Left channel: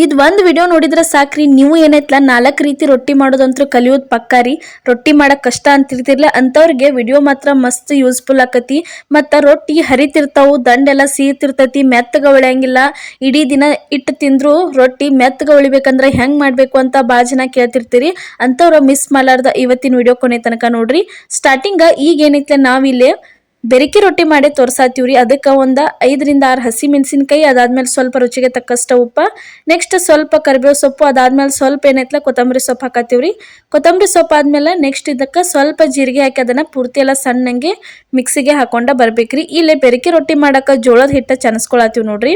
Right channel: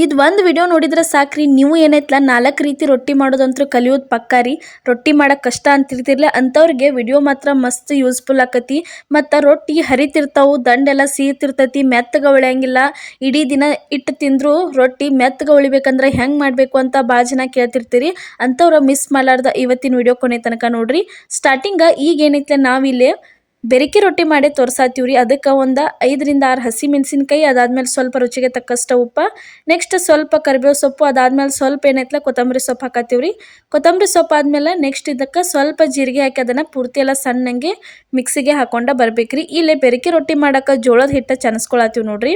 ಇದು ಒಂದು ವಿಡಿಯೋ ನೋಡಿದ್ರೆ ಸಾಕ್ರಿ, ನೀವು ಏನೈತ್ಲ 4 ರೀತಿ ರೊಟ್ಟಿ ಮಾಡೋದಂತೂ ಕಲಿಯೋದು ಪಕ್ಕಾ ರೀ. ರೊಟ್ಟಿ ಮಾಡಕ್ಕೆ ಕಷ್ಟ ಅಂತಿರ್ತಿರ್ಲ ಅಂಥವ್ರಿಗೆ ವಿಡಿಯೋ ಮಾತ್ರ ಮಸ್ತ್ ಯೂಸ್ಫುಲ್ ಆಕತಿ. ಮತ್ತು ರೊಟ್ಟಿ ಹರಿತಿರ್ತಾವು, ದಂಡೆಲ್ಲ ಸೀತಿರ್ತೈತಿ, ಮೆತ್ತಗೆ ಉಳಿಯಂಗಿಲ್ಲ. ಇಡೀ ದಿನ ಇಟ್ಟು ತಿಂದರೂ ರೊಟ್ಟಿ ಮೆತ್ತಗೆ ಉಳಿಬೇಕಂದ್ರೆ ಹೆಂಗೆ ಮಾಡಬೇಕು ಅಂತ ಭಾಳ ಜನ ಕೇಳ್ತಿರ್ತೀರಿ. ಅಂಥವ್ರು ಮಿಸ್ ಮಾಡಲಾರ್ದ ಇವತ್ತಿನ ವಿಡಿಯೋ ಕೊನೆ ತನಕ ನೋಡ್ರಿ. ಸ್ಟಾರ್ಟಿಂಗ ಈಗ ಏನೈತ್ಲ ನಾವಿಲ್ಲಿ ಬೆರಕೆ ರೊಟ್ಟಿ ಮಾಡಿ ತೋರ್ಸಾತೀವ್ರಿ. ಅದಕ್ಕೆ ಒಂದು 5 ರಿಂದ 6 ಹಸಿ ಮೆಣಸಿನ್ಕಾಯಿ, ಅದಾದ್ಮೇಲೆ ಸ್ವಲ್ಪ ರುಚಿಗೆ ತಕ್ಕಷ್ಟು ಉಪ್ಪು, ನೆಕ್ಸ್ಟ್ ಸ್ವಲ್ಪ ಕರಿಬೇವು ಸೊಪ್ಪು, ಅದಾದ್ಮೇಲೆ ಸ್ವಲ್ಪ ಏನೈತ್ಲ ಕೊತ್ತಂಬರಿ ಸೊಪ್ಪು ಹಾಕತ್ತೀವ್ರಿ. ಕೊತ್ತಂಬರಿ ಸೊಪ್ಪು ಆದ್ಮೇಲೆ ನೆಕ್ಸ್ಟ್ ಇದಕ್ಕೆ ಸ್ವಲ್ಪ ಜೀರಿಗೆ ಹಾಕಿ ಅದನ್ನು ಪೂರ್ತಿ ಎಲ್ಲ ಸಣ್ಣಂಗೆ ಮಿಕ್ಸಿಗೆ ಹಾಕೊಂಡ ಬರ್ಬೇಕ್ರಿ. ಇಲ್ಲಿ ಬೆರಕೆ ರೊಟ್ಟಿ ಮಾಡಕ್ಕೆ ಜೋಳದ ಹಿಟ್ಟು ಚನಸ್ಕೊಳತ್ತೀವಿ ನೋಡ್ರಿ.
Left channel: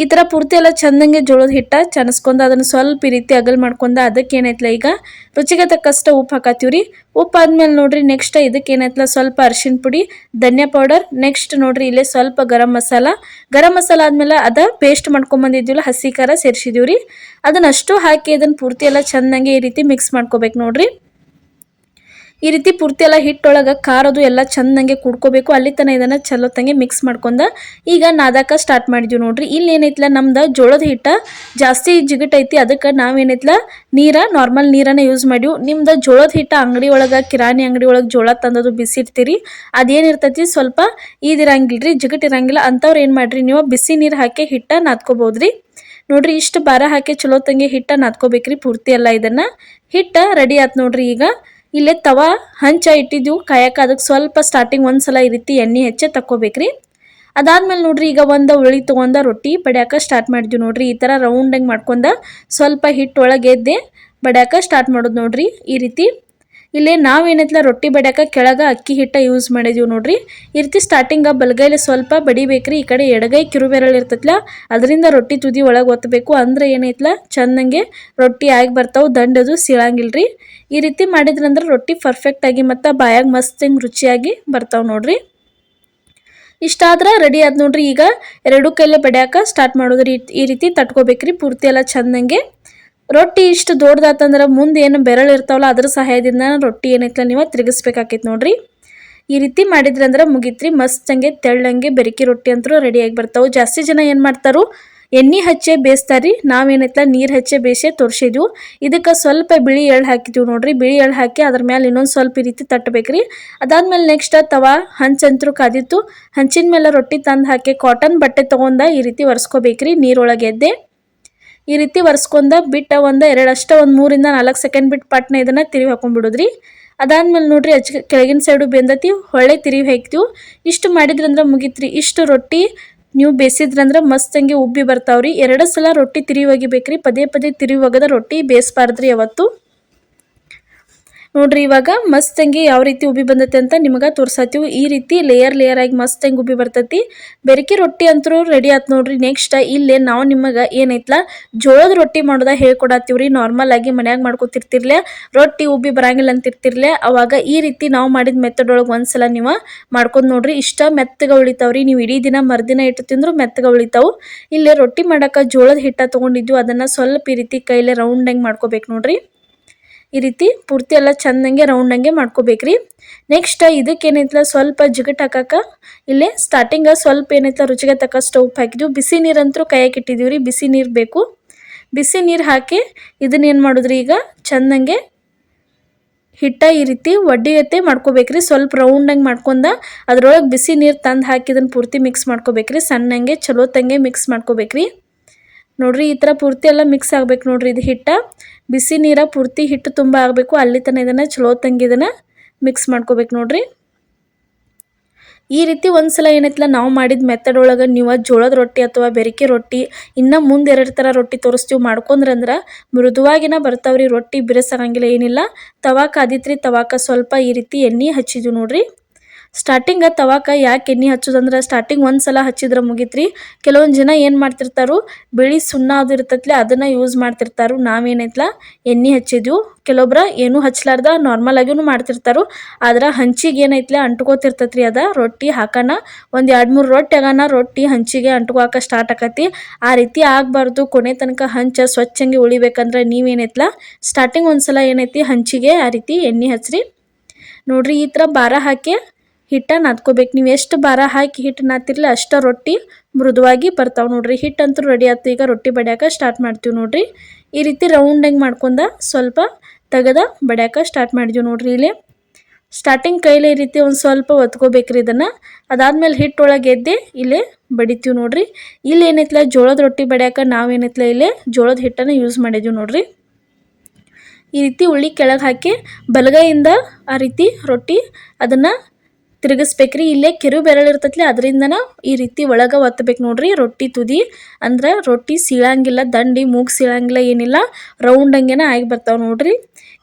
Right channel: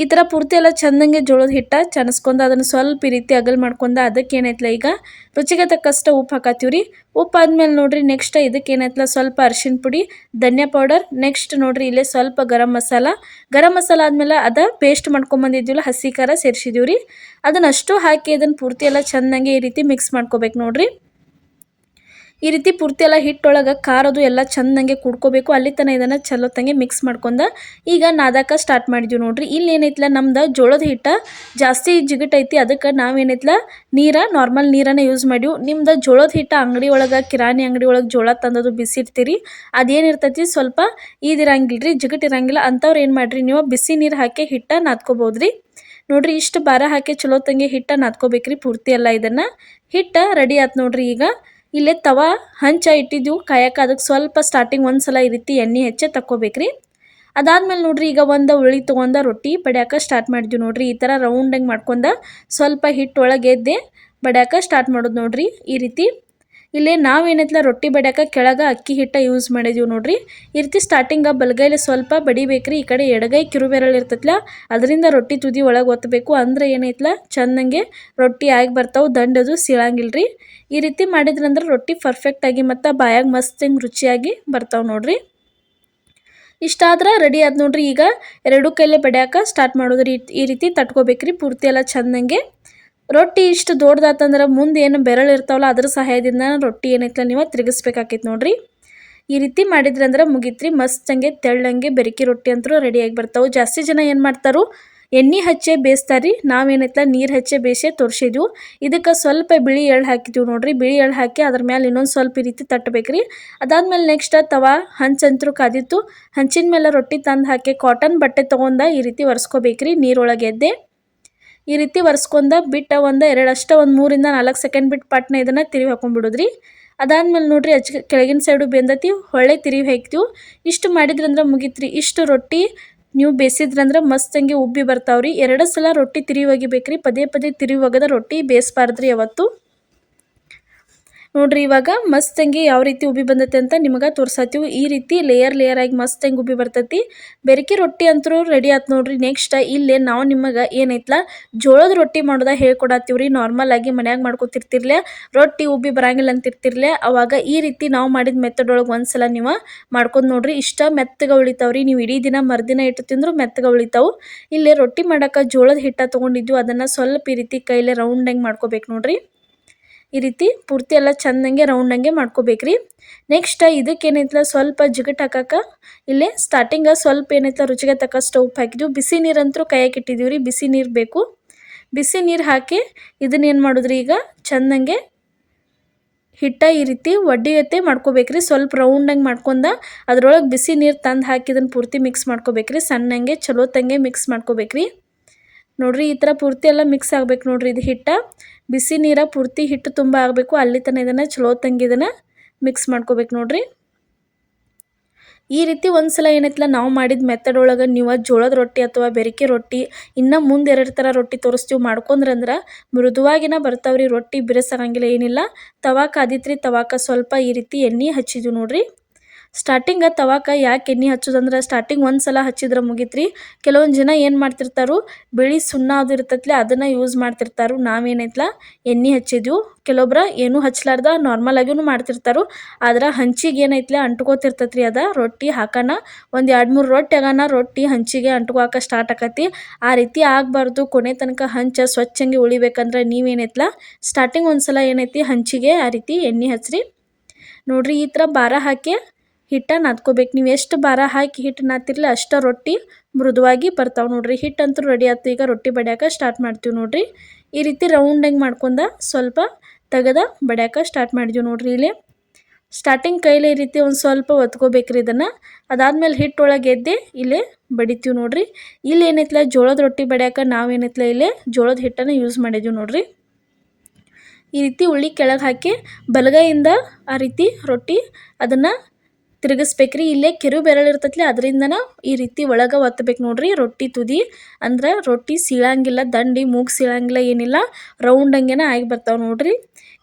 ಈ ಥರ ಪೂರ್ತಿ ಎಲ್ಲ ಚಂದಂಗೆ ಜೋಳದ ಹಿಟ್ಟು ಚನಸ್ಕೊಂಡು ಅದನ್ನು ಸ್ವಲ್ಪ ಈ ರೀತಿ ಅಗಲ್ ಮಾಡ್ಕೊಂಡು ಅದಕ್ಕೆ ಏನೈತ್ಲ ಈಗ ರುಚಿಗೆ ತಕ್ಕಷ್ಟು ಉಪ್ಪು ಹಾಕತ್ತೀವ್ರಿ. ಉಪ್ಪು ಆದ್ಮೇಲೆ ನೋಡ್ರಿ ನೆಕ್ಸ್ಟ್ ಇದಕ್ಕೆ ಏನೈತ್ಲ ಸ್ವಲ್ಪ ಅರಿಶಿನ ಪುಡಿ, ಧನಿಯಾ ಪೌಡರ್, ನೆಕ್ಸ್ಟ್ ನೋಡ್ರಿ ಇಲ್ಲೇ ಸ್ವಲ್ಪ ಗರಂ ಮಸಾಲ ಆದ್ಮೇಲೆ ಅದ ಪೇಸ್ಟ್ ಮಾಡ್ಕೊಂಬಂದಿದ್ದೀವಲ್ಲ ಹಸಿ ಖಾರ ಸೇರಿಸಿದೀವ್ರಿ. ಅದನ್ನಷ್ಟು ಹಾಕಿ ಅದನ್ನು ಪೂರ್ತಿ ಎಲ್ಲ ಚಂದಂಗೆ ಈ ರೀತಿ ಮಿಕ್ಸ್ ಮಾಡ್ಕೋಬೇಕು ನೋಡ್ರಿ. ಈ ರೀತಿ ಪೂರ್ತಿ ಎಲ್ಲ ಹಿಟ್ಟೊಳಗೆ ಖಾರದು ಎಲ್ಲ ಚಂದಂಗೆ ಕುಡ್ಕೋಬೇಕು. ಅಲ್ಲಿ ತನಕ ಇದನ್ನು ಚಲೋತ್ತಂಗೆ ಮಿಕ್ಸ್ ಮಾಡ್ಕೊಂಡು ಈಗ ನಾದಾಕ ಸ್ಟಾರ್ಟ್ ಮಾಡಿದ್ವಿ ನೋಡ್ರಿ. ಇಲ್ಲಿ ಏನೈತ್ಲ ನಮ್ದು ಜೋಳದ ಹಿಟ್ಟು ಜಾಸ್ತಿ ಜಿಗಟೈತಿ, ಅದಕ್ಕೆ ನಾವೇನೈತ್ಲ ನಾರ್ಮಲ್ ನೀರನ್ನು ಯೂಸ್ ಮಾಡಿವು. ನಿಮ್ದು ಜೋಳದ ಹಿಟ್ಟು ಅಂಗಡಿ ಒಳಗೆ ಕಿರಾಣಿ ಅಂಗಡಿ ಒಳಗೆ ಜೋಳ ತಂದದು ಬಿಸಿಡ್ತೀರಿ, ಅದೇನಿರ್ತೈತಿ ಸ್ವಲ್ಪ ಇದಿರಂಗಿಲ್ಲ ರೀ, ಜಿಗಟಿರಂಗಿಲ್ಲ. ಅಂಥವ್ರು ಏನು ಮಾಡಿರಿ ನೀವು ಬಿಸಿ ನೀರು ಹಾಕಿ ಹಿಟ್ಟು ನಾದ್ಕೋಬೋದ್ರಿ. ನೋಡ್ರಿ ಇಷ್ಟು ಭಾರ ಹಾಕಿ ಚಲೋತ್ತಂಗೆ ಹಿಟ್ಟು ನಾದ್ಕೋಬೇಕ್ರಿ ಪೂರ್ತಿ ಎಲ್ಲ. ಇದನ್ನು ಹಿಟ್ಟು ರೆಡಿ ಆಯ್ತು ನೋಡ್ರಿ. ಈಗ ಇಲ್ಲೇ ತವಾ ಹಂಚ ಇಟ್ಟಿದ್ದೀವಿ ಕಾಯಕ್ಕೆ, ಅದಕ್ಕೆ ಸ್ವಲ್ಪ ಸ್ಟಾರ್ಟಿಂಗ್ ಒಂದ್ಸಲ ಈ ರೀತಿ ಎಣ್ಣೆ ಹೆಚ್ಚೆ ತಕ್ಕೋಬೇಕ್ರಿ. ಅದಾದ್ಮೇಲೆ ನೋಡ್ರಿ ಈಗ ಒಂದು ಉಳ್ಳಿ ತೊಗೊಂಡ ರೊಟ್ಟಿ ಬಡಿಯಾಕ ಸ್ಟಾರ್ಟ್ ಮಾಡಿದ್ವಿ ನೋಡ್ರಿ. ಈ ಥರ ರೌಂಡಂಗೆ ಮಾಡ್ಕೊಂಡು ಸ್ವಲ್ಪ ಹಿಟ್ಟು ಒಳಗೆ ಎದ್ದೆ ಬಡಿಯಾಕ ಸ್ಟಾರ್ಟ್ ಮಾಡೋದು ನೋಡ್ರಿ. ಈ ರೀತಿ ಇಲ್ಲೇ ನಾವೇನೈತ್ಲ ರೊಟ್ಟಿ ಬಡಿಯಾಕ ಕೆಳಗೆ ಅಕ್ಕಿ ಹಿಟ್ಟು ಯೂಸ್ ಮಾಡಿದೀವಿ ನೋಡ್ರಿ. ಈ ರೀತಿ ಸ್ಟಾರ್ಟಿಂಗ ಬಲಗೈಲಿ ಸ್ವಲ್ಪ ಬಡಿಬೇಕ್ರಿ. ಈ ಕಡೆ ಎಡಗೈ ಕಿರುಬೆರಳು ಇರ್ತೈತ್ಲ ಅದರಿಂದ ರೊಟ್ಟಿ ತುದಿ ಒಳಗೆ ಒತ್ತಬೇಕು, ಅಂದ್ರೆ ಏನೈತ್ಲ ಚಂದಂಗೆ ರೊಟ್ಟಿ ಆಗಿ ಬರ್ತಾವೆ, ದಂಡದು ಸೀಳಂಗಿಲ್ರಿ. ಈ ರೀತಿ ಮಾಡಿದ್ರಂದ್ರೆ ರೊಟ್ಟಿ ಪರ್ಫೆಕ್ಟಾಗಿ ಮತ್ತು ಬಾಯಾಗ ಮಸ್ತ್ ಹಿಂಗೆ ರುಚಿಯಾಗಿ ಬರ್ತಾವೆ ನೋಡ್ರಿ. ಇಷ್ಟಾದ್ರೆ ರೆಡಿ ಆದ್ ನೋಡ್ರಿ. ಈಗ 2 ಕೈಲೇ ಬಡಿಯಾಕ ಸ್ಟಾರ್ಟ್ ಮಾಡೋದ್ರಿ. ಈ ರೀತಿ ತಟ್ಕೋಬೇಕ್ರಿ ಪೂರ್ತಿ ಎಲ್ಲ ಚಂದಂಗೆ. ರೊಟ್ಟಿ ಇಷ್ಟು ದೊಡ್ಡದಾತಂದ್ರೆ ಮುಂದೆ ಏನು ಬೆರಳು ಇರ್ತಾವಲ್ಲ ಅದ್ರ ಸಹಾಯದಿಂದ ರೊಟ್ಟಿ ಏನೈತ್ಲ ನೀವು ತಿರುಗಿಸ್ಬೇಕಾಕೈತಿ ನೋಡ್ರಿ. ಈ ರೀತಿ ಮಾಡಿದ್ರಿ ಅಂದ್ರೆ ಮುಗಿತ್ರಿ, ಮಸ್ತಂಗೆ ತೆಳ್ಳಂಗೆ ಬೆರಕೆ ರೊಟ್ಟಿ ಅಂತೂ ರೆಡಿಯಾಗಿ ಬರ್ತಾವೆ. ಜಾಸ್ತಿ ಜನ ಏನು ಮಾಡ್ತಾರೋ ಎಣ್ಣೆ ಹಚ್ಚೆ ಬೇಯಿಸ್ತಾರ್ರಿ, ನಾವೇನೈತ್ಲ ನೀರು ಹಚ್ಚೆ ಬೇಯಿಸೇ ತೋರಿಸಿದ್ವು. ಇದಕ್ಕೆ ಸ್ವಲ್ಪ ಬಿಳಿ ಎಳ್ಳು ಹಾಕಿದ್ವಿ ನೋಡ್ರಿ. ಬಿಳಿ ಎಳ್ಳು ಹಾಕಿ ಅದ್ರ ಮೇಲೆ ಇನ್ನೊಂದು ಸ್ವಲ್ಪ ಈ ರೀತಿ ತಟ್ಟಬೇಕ್ರಿ. ಅದಾದ್ಮೇಲೆ ನೆಕ್ಸ್ಟ್ ತವಾ ಹಂಚಂತರೂ ಕಾದಿತ್ತು, ಹಂಚಿನ ಮೇಲೆ ರೊಟ್ಟಿ ತಂದು ಹಾಕಿ ಕಾಟನ್ ಬಟ್ಟೆ ತೊಗೊಂಡ ಈ ರೀತಿ ಒರೆಸ್ಕೋಬೇಕ್ರಿ ನೀರೊಳಗೆ ಎದ್ದೆ. ಈ ರೀತಿ ಒರೆಸ್ಕೊಂಡ ಬಿಟ್ಟು ಒಂದು 3 ರಿಂದ 4 ಸೆಕೆಂಡ್ ಬಿಟ್ಟು ಪಟ್ನ ಇದನ್ನು ತಿರುವಿ ಹಾಕೊಂಡ್ಬಿಡೋದ್ರಿ. ಅದಾದ್ಮೇಲೆ ನೋಡ್ರಿ ಕೆಳಗಿನ ಸೈಡು ಬೆಂದತಿ ಹೊಳ್ಳೆ ತಿರುವಿ ಹಾಕ್ತೀವಿ. ಇಷ್ಟು ಮಾಡಿದ್ರಂದ್ರೆ ಮುಗಿತ್ರಿ. ಇಷ್ಟು ರೊಟ್ಟಿ ನೀವು ಬೇಯಿಸಿದ್ರಂದ್ರೆ ಮಸ್ತಂಗೆ ಉಬ್ಬಿ ಬರ್ತಾವ್ರಿ. 2 ಸಲ ರೊಟ್ಟಿ ತಿರುವಿ ಒಗಿಬೇಕ್ರಿ, ಪದೇ ತಿರುವಿ ಒಗದ ರೊಟ್ಟಿ ಬೇಯಿಸ್ಬಾರ್ದ್ರಿ ಯಾವತ್ತು. ನೋಡ್ರಿ ಇವಾಗ ಮಸ್ತಂಗೆ ಯಾವ ರೀತಿ ಉಬ್ಬಿ ಬಂದೈತಿ ಅಂತ ನಿಮಗೆ ತೋರ್ಸಾತೀವಿ. ಈ ರೀತಿ ಲೇಯರ್ ಆಗಿ ಮಸ್ತಂಗೆ ಉಬ್ಬಿ ಬರ್ತೈತಿ. ಬೆರಕೆ ರೊಟ್ಟಿ ಅಂತೂ ರೆಡಿ ಆಯ್ತು ನೋಡ್ರಿ. ನೆಕ್ಸ್ಟ್ ಇಲ್ಲೇ ನಾವು ನಿಮಗೆ ಏನೈತ್ಲ ಜೋಳದ ರೊಟ್ಟಿ ಮಾಡೋದ ಹೇಳ್ಕೊಡತ್ತೀವ್ರಿ. ನಾರ್ಮಲ್ ಆಗಿ ಮನ್ಯಾಗ ಮಾಡ್ಕೊತಿರ್ತಿರ್ಲೆ ರೊಟ್ಟಿ ಉಬ್ಬಿ ಬರಂಗಿಲ್ಲ ಅಂತಿರ್ತಿರ್ಲೆ, ಅವಾಗ ಈ ರೀತಿ ನಾವು ಮಾಡಿದ ಮೆಥಡ್ ಒಳಗೆ ಒಂದ್ಸಲ ನೀವು ಮಾಡ್ಕೊಂಡು ನೋಡ್ರಿ. ಇಷ್ಟ ಮೆತ್ತಗೆ ಉಳಿತಾವ್ರಿ. ನೀವು ಇಡೀ ದಿನ ಮರ್ದಿನ ಇಟ್ಟು ತಿಂದ್ರು ಮೆತ್ತಗೆ ಉಳಿತಾವು. ಇಲ್ಲೇ ರೊಟ್ಟಿ ಮಾಡಕ್ಕೆ ಜೋಳದ ಹಿಟ್ಟು ತೊಗೊಂಡಿದ್ವಿ, ಅದನ್ನು ಸ್ವಲ್ಪ ಈ ರೀತಿ ಕೈಲೇ ರೌಂಡಂಗೆ ಮಾಡ್ಕೋಬೇಕು ನೋಡ್ರಿ. ಈ ರೀತಿ ಪೂರ್ತಿ ಎಲ್ಲ ಚಂದಂಗೆ ರೌಂಡಂಗೆ ಮಾಡ್ಕೋಬೇಕ್ರಿ. ನೆಕ್ಸ್ಟ್ ಇದಕ್ಕೆ ಏನೈತ್ಲ ಸ್ವಲ್ಪ ಜಿಗಟ್ ಹಾಕಕ್ಕೆ ಇಲ್ಲೇ ಸ್ಟಾರ್ಟಿಂಗ ಸ್ವಲ್ಪ ಏನೈತ್ಲ ರುಚಿಗೆ ತಕ್ಕಷ್ಟು ಉಪ್ಪು ಹಾಕಿದ್ವಿ. ಬಿಸಿ ನೀರಂತರೂ ಕಾಯಕ್ಕೆ ಇಟ್ಟಿದ್ದೀವಿ ರೀ, ಬಿಸಿ ನೀರು ಬೇಕು. ಬಿಸಿ ನೀರು ಹಾಕಿ ಇದನ್ನೇನು ಮಾಡಿದ್ರಿ ಈಗ ಚಂದಂಗೆ ಹಿಟ್ಟ ಈ ರೀತಿ ಒಡ್ಡಿಗತ್ತೆ ಮಾಡ್ಕೋಬೇಕ್ರಿ. ಸ್ವಲ್ಪ ರೌಂಡಂಗೆ ಮಾಡ್ಕೊಂಡ ಅದ್ರೊಳಗೆ ಬಿಸಿ ನೀರು ತಂದು ಹಾಕಿ ಇದನ್ನು ಪೂರ್ತಿ ಮಿಕ್ಸ್ ಮಾಡ್ಕೋಬೇಕ್ರಿ. ಸಣ್ಣಂಗೆ ಚಲೋತ್ತಂಗೆ ಮಿಕ್ಸ್ ಮಾಡ್ಕೋಬೇಕ್ರಿ. ನೋಡ್ರಿ ಈ ಥರ ಪೂರ್ತಿ ಎಲ್ಲ ಮಿಕ್ಸ್ ಆಗ್ಬೇಕು ನೋಡ್ರಿ. ಇದು ಹಿಟ್ಟ ಬಿಸಿ ನೀರ ಪೂರ್ತಿ ಹಿಟ್ಟು ತುಂಬ ಆಗಬೇಕು, ಅಲ್ಲಿ ತನಕ ಇದನ್ನು ಚಲೋತ್ತಂಗೆ ಇದನ್ನು ಮಿಕ್ಸ್ ಮಾಡ್ಕೋಬೇಕು ನೋಡ್ರಿ. ಈ ರೀತಿ ಒಂದ್ಸಲ ಏನೈತ್ಲ ನಾವು ಮಾಡಿದ ಮೆಥಡ್ ಒಳಗೆ ನೀವು ಜೋಳದ ರೊಟ್ಟಿ ಅಥವಾ ಬೆರಕೆ ರೊಟ್ಟಿ ಇನ್ನು ಮುಂದೆ 2 ಥರ ರೊಟ್ಟಿ ತೋರಿಸ್ತೀವಿ ಮಾಡ್ಕೊಂಡ್ರಂದ್ರೆ ಮೃದುವಾಗಿನ ಬರ್ತಾವ್ರಿ. ರೊಟ್ಟಿ ಬಿರುಸಾಗಂಗಿಲ್ಲ ಏನಿಲ್ಲ. ತವಾ ಕಾದಿತ್ರಿ, ತವಾಕ ಸ್ವಲ್ಪ ಈ ರೀತಿ ಎಣ್ಣೆ ಹಚ್ಚಿದ್ವಿ ನೋಡ್ರಿ. ಸ್ಟಾರ್ಟಿಂಗ ತವಾಕ ಯಾಕೆ ಎಣ್ಣೆ ಹಚ್ಚೋದಂದ್ರೆ ಸ್ಟಾರ್ಟಿಂಗ್ ಒಂದ್ಸಲ ಹಚ್ಚಿದ್ರೆ ಮುಗಿತ್ರಿ. ಕೆಲವೊಂದು ಜನ ಏನು ಮಾಡ್ತಿರ್ತಾರೋ ಬಿಳಿ ಸುಣ್ಣ ಅದು ಇರ್ತೈತ್ಲೆ ಅದನ್ನು ಯೂಸ್ ಮಾಡ್ತಿರ್ತಾರೋ. ನಾವೇನೈತ್ಲ ಎಣ್ಣೆ ಹಚ್ಚಿದ್ವು. ಕೆಲವೊಬ್ರು ಏನೂ ಹಚ್ಲಾರ್ದ ನಾರ್ಮಲ್ ಆಗಿನೂ ಮಾಡ್ತಿರ್ತಾರೋ. ಆದ್ರೆ ಹಂಚಿಗೆ ಏನೈತ್ಲೆ ಅಂಟ್ಕೋತಿರ್ತೈತ್ರಿ. ಅದ ರೊಟ್ಟಿ ಹಾಕೋಣ ಒಂದು 2-3 ರೊಟ್ಟಿ ಆಗೋಣ ರೊಟ್ಟಿ ಹಂಚಿಗೆ ಅಂಟ್ಕೋಕೆ ಸ್ಟಾರ್ಟ್ ಆಕತಿ. ಆ ರೀತಿ ಆಗಬಾರ್ದು. ಕೊನೆ ತನಕ ಹಂಚ ಸ್ವಚ್ಛಂಗೆ ಉಳಿಬೇಕಂದ್ರೆ ನೀವೇನೈತ್ಲ ಸ್ಟಾರ್ಟಿಂಗ್ ಒಂದ್ಸಲ ಏನೈತಿ ಹಂಚಿಗೆ ಆ ರೀತಿ ಎಣ್ಣೆ ಹಚ್ಚ್ರಿ ನೋಡ್ರಿ. ಈ ಥರ ಭಾರ ಹಾಕಿ ಹಿಟ್ಟ ನಾದ್ಕೋಬೇಕು. ನೀವು ಎಷ್ಟು ಭಾರ ಹಾಕಿ ಹಿಟ್ಟು ನಾದ್ತಿರಲ್ಲ ಅಷ್ಟು ರೊಟ್ಟಿ ಮೃದುವಾಗಿ ಬರ್ತಾವೆ ನೋಡ್ರಿ. ಹಿಟ್ಟಂತೂ ರೆಡಿ ಆಯ್ತು. ಈಗ ರೊಟ್ಟಿ ಬಡಿಯಾಕ ಸ್ಟಾರ್ಟ್ ಮಾಡ್ತೀವಿ ನೋಡ್ರಿ. ಈ ರೀತಿ ರೌಂಡಾಗಿ ಮಾಡ್ಕೊಂಡ ಸ್ವಲ್ಪ ತೆಗೆದ ಬಡಿಯಾಕ ಸ್ಟಾರ್ಟ್ ಮಾಡಿದ್ವಿ ನೋಡ್ರಿ. ಇಲ್ಲಿ ಸ್ಟಾರ್ಟಿಂಗ್ ಕೈಲಿ ಈ ರೀತಿ ಒಂದು ಸ್ವಲ್ಪ ಒತ್ಕೋಬೇಕ್ರಿ ಇದನ್ನು. ಅದಾದ್ಮೇಲೆ ಹಿಟ್ಟೊಳಗೆ ಎದ್ದೆ ಇಲ್ಲೇ ಬಡಿತೀವಿ ನೋಡ್ರಿ. ಇಲ್ಲಿ ಏನೈತಲ್ಲ ಜೋಳದ ರೊಟ್ಟಿ ಬಡಿಯಾಕ ನಾವೇನೈತಲ್ಲ ಇಲ್ಲೇ ಜೋಳದ ಹಿಟ್ಟನ್ನು ಯೂಸ್ ಮಾಡಿದ್ವಿ ನೋಡ್ರಿ. ಈ ರೀತಿ ಉಳ್ಳಿ ಕೆಳಗೆ ಹಾಕಿ ಬಲಗೈಯಿಂದ ಆ ರೀತಿ ರೊಟ್ಟಿ ಅದನ್ನು ತಿರುಗಿಸ್ಬೇಕ್ರಿ. ಇಲ್ಲೇ ಕಿರು ಬೆರಳು ಇರ್ತೈತಿ ಅದರಿಂದನ ಈ ರೀತಿ ಒಳಗೆ ಒತ್ತಬೇಕು ನೋಡ್ರಿ. ರೊಟ್ಟಿ ತುದಿ ಅಂದ್ರೆ ರೊಟ್ಟಿ ಸೀಳಂಗಿಲ್ಲ, ದಂಡಿ ಮೂಗು ಸೀಳಂಗಿಲ್ಲ, ಏನಿಲ್ಲ ರೌಂಡಂಗೆನ ಆಗಿ ಬರ್ತಾವೆ ನೋಡ್ರಿ.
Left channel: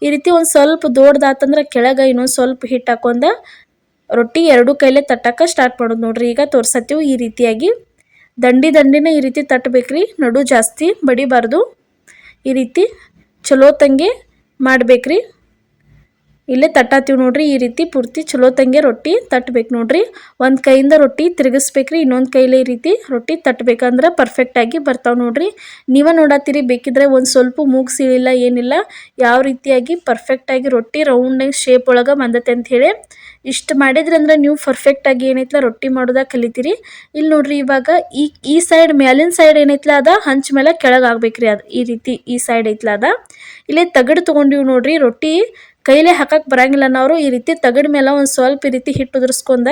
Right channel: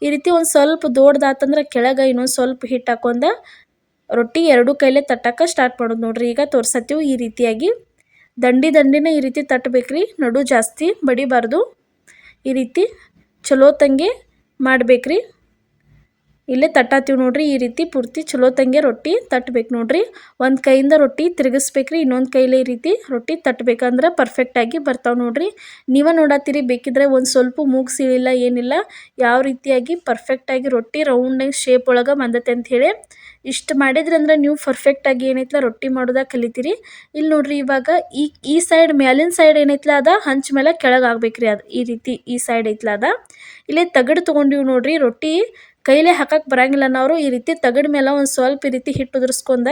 ಈ ರೀತಿ ಒಂದು ಸ್ವಲ್ಪ ದೊಡ್ಡದಾತಂದ್ರೆ ಕೆಳಗೆ ಇನ್ನೊಂದು ಸ್ವಲ್ಪ ಹಿಟ್ಟು ಹಾಕೊಂಡ ರೊಟ್ಟಿ ಎರಡು ಕೈಲೇ ತಟ್ಟಕ್ಕೆ ಸ್ಟಾರ್ಟ್ ಮಾಡೋದು ನೋಡ್ರಿ. ಈಗ ತೋರ್ಸತ್ತೀವಿ ಈ ರೀತಿಯಾಗಿ ದಂಡಿನ ಈ ರೀತಿ ತಟ್ಟಬೇಕ್ರಿ. ನಡು ಜಾಸ್ತಿ ಬಡಿಬಾರ್ದು. ಈ ರೀತಿ ಚಲೋ ತಂಗೆ ಮಾಡ್ಬೇಕ್ರಿ. ಇಲ್ಲೇ ತಟ್ಟಾತೀವಿ ನೋಡ್ರಿ. ಈ ರೀತಿ ಪೂರ್ತಿ ಚಲೋ ತಂಗೆ ರೊಟ್ಟಿ ತಟ್ಟಬೇಕು ನೋಡ್ರಿ. ಒಂದು ಕೈಯಿಂದ ರೊಟ್ಟಿ ತಿರುಗಿಸ್ಬೇಕ್ರಿ, ಇನ್ನೊಂದು ಕೈಲೇ ಈ ರೀತಿ ರೊಟ್ಟಿ ತಟ್ಟಬೇಕಂದ್ರೆ ಪರ್ಫೆಕ್ಟಾಗಿ ಬರ್ತಾವೆ ನೋಡ್ರಿ. ನೀವು ನೋಡತ್ತೀರಿ, ಬೇಕಿದ್ರೆ ಒಂದು ಸ್ವಲ್ಪ ಮೂಗು ಸೀಳಿಲ್ಲ ಏನಿಲ್ಲ, ಯಾವ ರೀತಿಯಾಗಿ ಪರ್ಫೆಕ್ಟಾಗಿ ರೊಟ್ಟಿ ರೌಂಡಾಗಿ ಶೇಪ್ ಒಳಗೆ ಬಂದತೆ ಅಂಥೇಳಿ. ಇಷ್ಟು ಮಾಡಿದ್ರಂದ್ರೆ ನೀವು ಪರ್ಫೆಕ್ಟಾಗಿ ಏನೈತಲ್ಲ ರೊಟ್ಟಿ ಮಾಡೋದಾಗ ಕಲಿತೀರಿ. ಇಲ್ಲಿ ನೋಡ್ರಿ ಇವಾಗ ಈ ಸೈಡ್ ಮ್ಯಾಲಿನ ಸೈಡ್ ಏನೈತಲ್ಲ ಅದ ಹಂಚ ಮೇಲೆ ಕೆಳಗೆ ಆಗ್ಬೇಕ್ರಿ. ಅದು ಈ ರೀತಿ ಈ ಸೈಡ್ ಐತ್ಲ ಅದ. ಇಲ್ಲೇ ತಗಡು ತೊಗೊಂಡಿವಿ ನೋಡ್ರಿ. ರೊಟ್ಟಿ ಕೈಲೇ ಹಾಕಕ್ಕೆ ಬರಂಗಿಲ್ಲ ಅನ್ನೋರು ಈ ರೀತಿ ತಗಡ ಮೇಲೆ ಒಂದು ಸ್ವಲ್ಪ ಈ ರೀತಿ ಹಿಟ್ಟು ಉದುರಿಸ್ಕೊಂಡ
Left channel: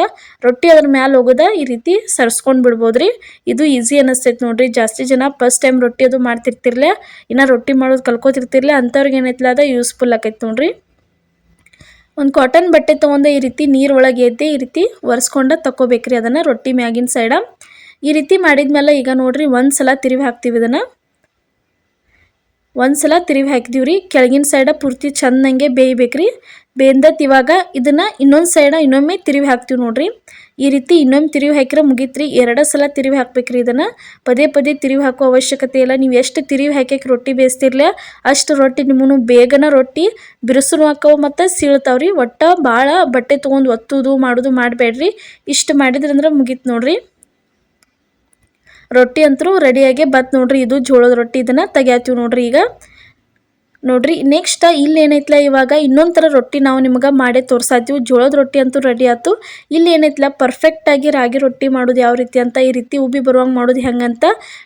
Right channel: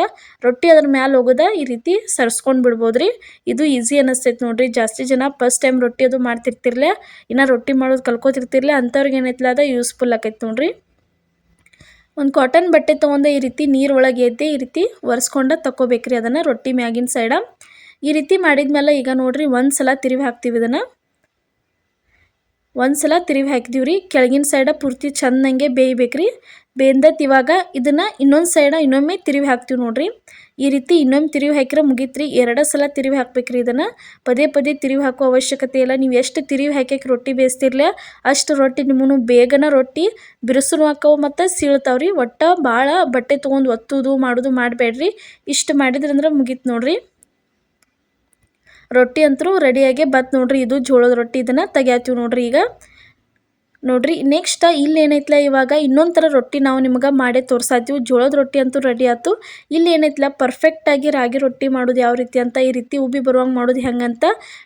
ರೊಟ್ಟಿ ಅದ್ರ ಮ್ಯಾಲೆ ಹೋಗೋದ ಈ ರೀತಿ ಸರ್ಸ್ಕೊಂಡು ಬಿಡ್ಬೋದ್ರಿ. ಇದು ಈಸಿ ಅನ್ನಿಸ್ತೈತೆ ನೋಡ್ರಿ. ಜಾಸ್ತಿ ಜನ ಫಸ್ಟ್ ಟೈಮ್ ರೊಟ್ಟಿ ಅದು ಮಾಡ್ತಿರ್ತಿರ್ಲೆ, ಇನ್ನು ರೊಟ್ಟಿ ಮಾಡೋದು ಕಲ್ಕೋತಿರ್ತಿರ್ಲೆ ಅಂಥವ್ರಿಗೆ ಏನೈತಲ್ಲ ಅದ ಯೂಸ್ಫುಲ್ ಆಕೈತೆ ನೋಡ್ರಿ. ಒಂದು ಕಾಟನ್ ಬಟ್ಟೆ ತೊಗೊಂಡು ಈ ರೀತಿ ನೀರು ಒಳಗೆ ಎದ್ದೆ ಈ ರೀತಿ ಒರೆಸ್ಕೊಂಡು ತಗೋಬೇಕ್ರಿ ಅದನ್ನು ರೊಟ್ಟಿ ಮ್ಯಾಗಿನ ಸೈಡ. ಈ ರೀತಿ ಮಾಡಿದ್ಮೇಲೆ ಈಗ ನೋಡ್ರಿ ಒಂದು ಸಲ ತಿರುವಿ ಹಾಕ್ತೀವಿ. ಇದನ್ನು ಒಂದು ಸಲ ತಿರುವಿ ಹಾಕಿದೀವಿ ರೀ. ಕೆಳಗಿನ ಸೈಡ ಪೂರ್ತಿ ಚೆಂದಂಗೆ ಬೇಯಬೇಕ್ರಿ. ಬೇಂದತ್ ಇವಾಗ ಇದನ್ನು ಇನ್ನೊಂದು ಸೈಡ ಇನ್ನೊಮ್ಮೆ ತಿರುವಿ ಹಾಕ್ತೀವಿ ನೋಡ್ರಿ. ಈ ರೀತಿ ಇನ್ನೊಮ್ಮೆ ತಿರುವಿ ಹಾಕಿದ್ರೆ ಮುಗೀತ್ರಿ. ಎರಡು ಸಲ ತಿರುವಿ ಹಾಕ್ಬೇಕ್ರಿ. ಇದನ್ನು ಪದೇ ಪದೇ ತಿರುವಿ ಹಾಕೋ ಅವಶ್ಯಕತೆ ಇಲ್ಲ. ನೀವು ಎಷ್ಟು ತಿರುವಿ ಹಾಕಿ ರೊಟ್ಟಿ ಬೇಯಿಸ್ತಿರ್ಲ ಅಷ್ಟು ರೊಟ್ಟಿ ನಿಮ್ಮನ್ನು ಬೇಗನ ರೊಟ್ಟಿ ಬಿರುಸುನು ಹಾಕವು ಮತ್ತು ಸೀಳ್ತಾವ್ರಿ. ಒಟ್ಟು ಭಾಳ ಬಟ್ಟೆ ತೊಗೊಂಡು ಒತ್ತುವುದು ಮಾಡೋದು ಮಾಡಬೇಡ್ರಿ. ಇಷ್ಟು ಮಾಡಿದ್ರಂದ್ರೆ ಮುಗೀತು ನೋಡ್ರಿ. ರೊಟ್ಟಿ ಅಂತೂ ರೆಡಿಯಾಗಿ ಬತ್ ನೋಡ್ರಿ. ಇದು ಜೋಳದ ರೊಟ್ಟಿ. ಇದನ್ನು ತೆಗ್ಯಾತೀವಿ ನೋಡ್ರಿ. ಈಗ ನೋಡ್ರಿ ನೆಕ್ಸ್ಟ್ ಇಲ್ಲಿ ಏನೈತಲ್ಲ ಇವಾಗ ಇನ್ನೊಂದು ಥರ ರೊಟ್ಟಿ ನಾವು ನಿಮ್ಗೆ ಮಾಡೇ ತೋರ್ಸಾತೀವಿ. ಜೋಳದ ರೊಟ್ಟಿ ಅಂತೂ ರೆಡಿ ಆಯ್ತು. ಇಲ್ಲಿ ಏನೈತಲ್ಲ ಪರ್ಫೆಕ್ಟಾಗಿ ರಾಗಿ ರೊಟ್ಟಿ ಮಾಡೋದು ಯಾವ ರೀತಿ ಅಂತ, ಈ ರೀತಿ ಉಬ್ಬಿ ಬರುವಂಗೆ ಮಾಡೋದು ಹೆಂಗಂತ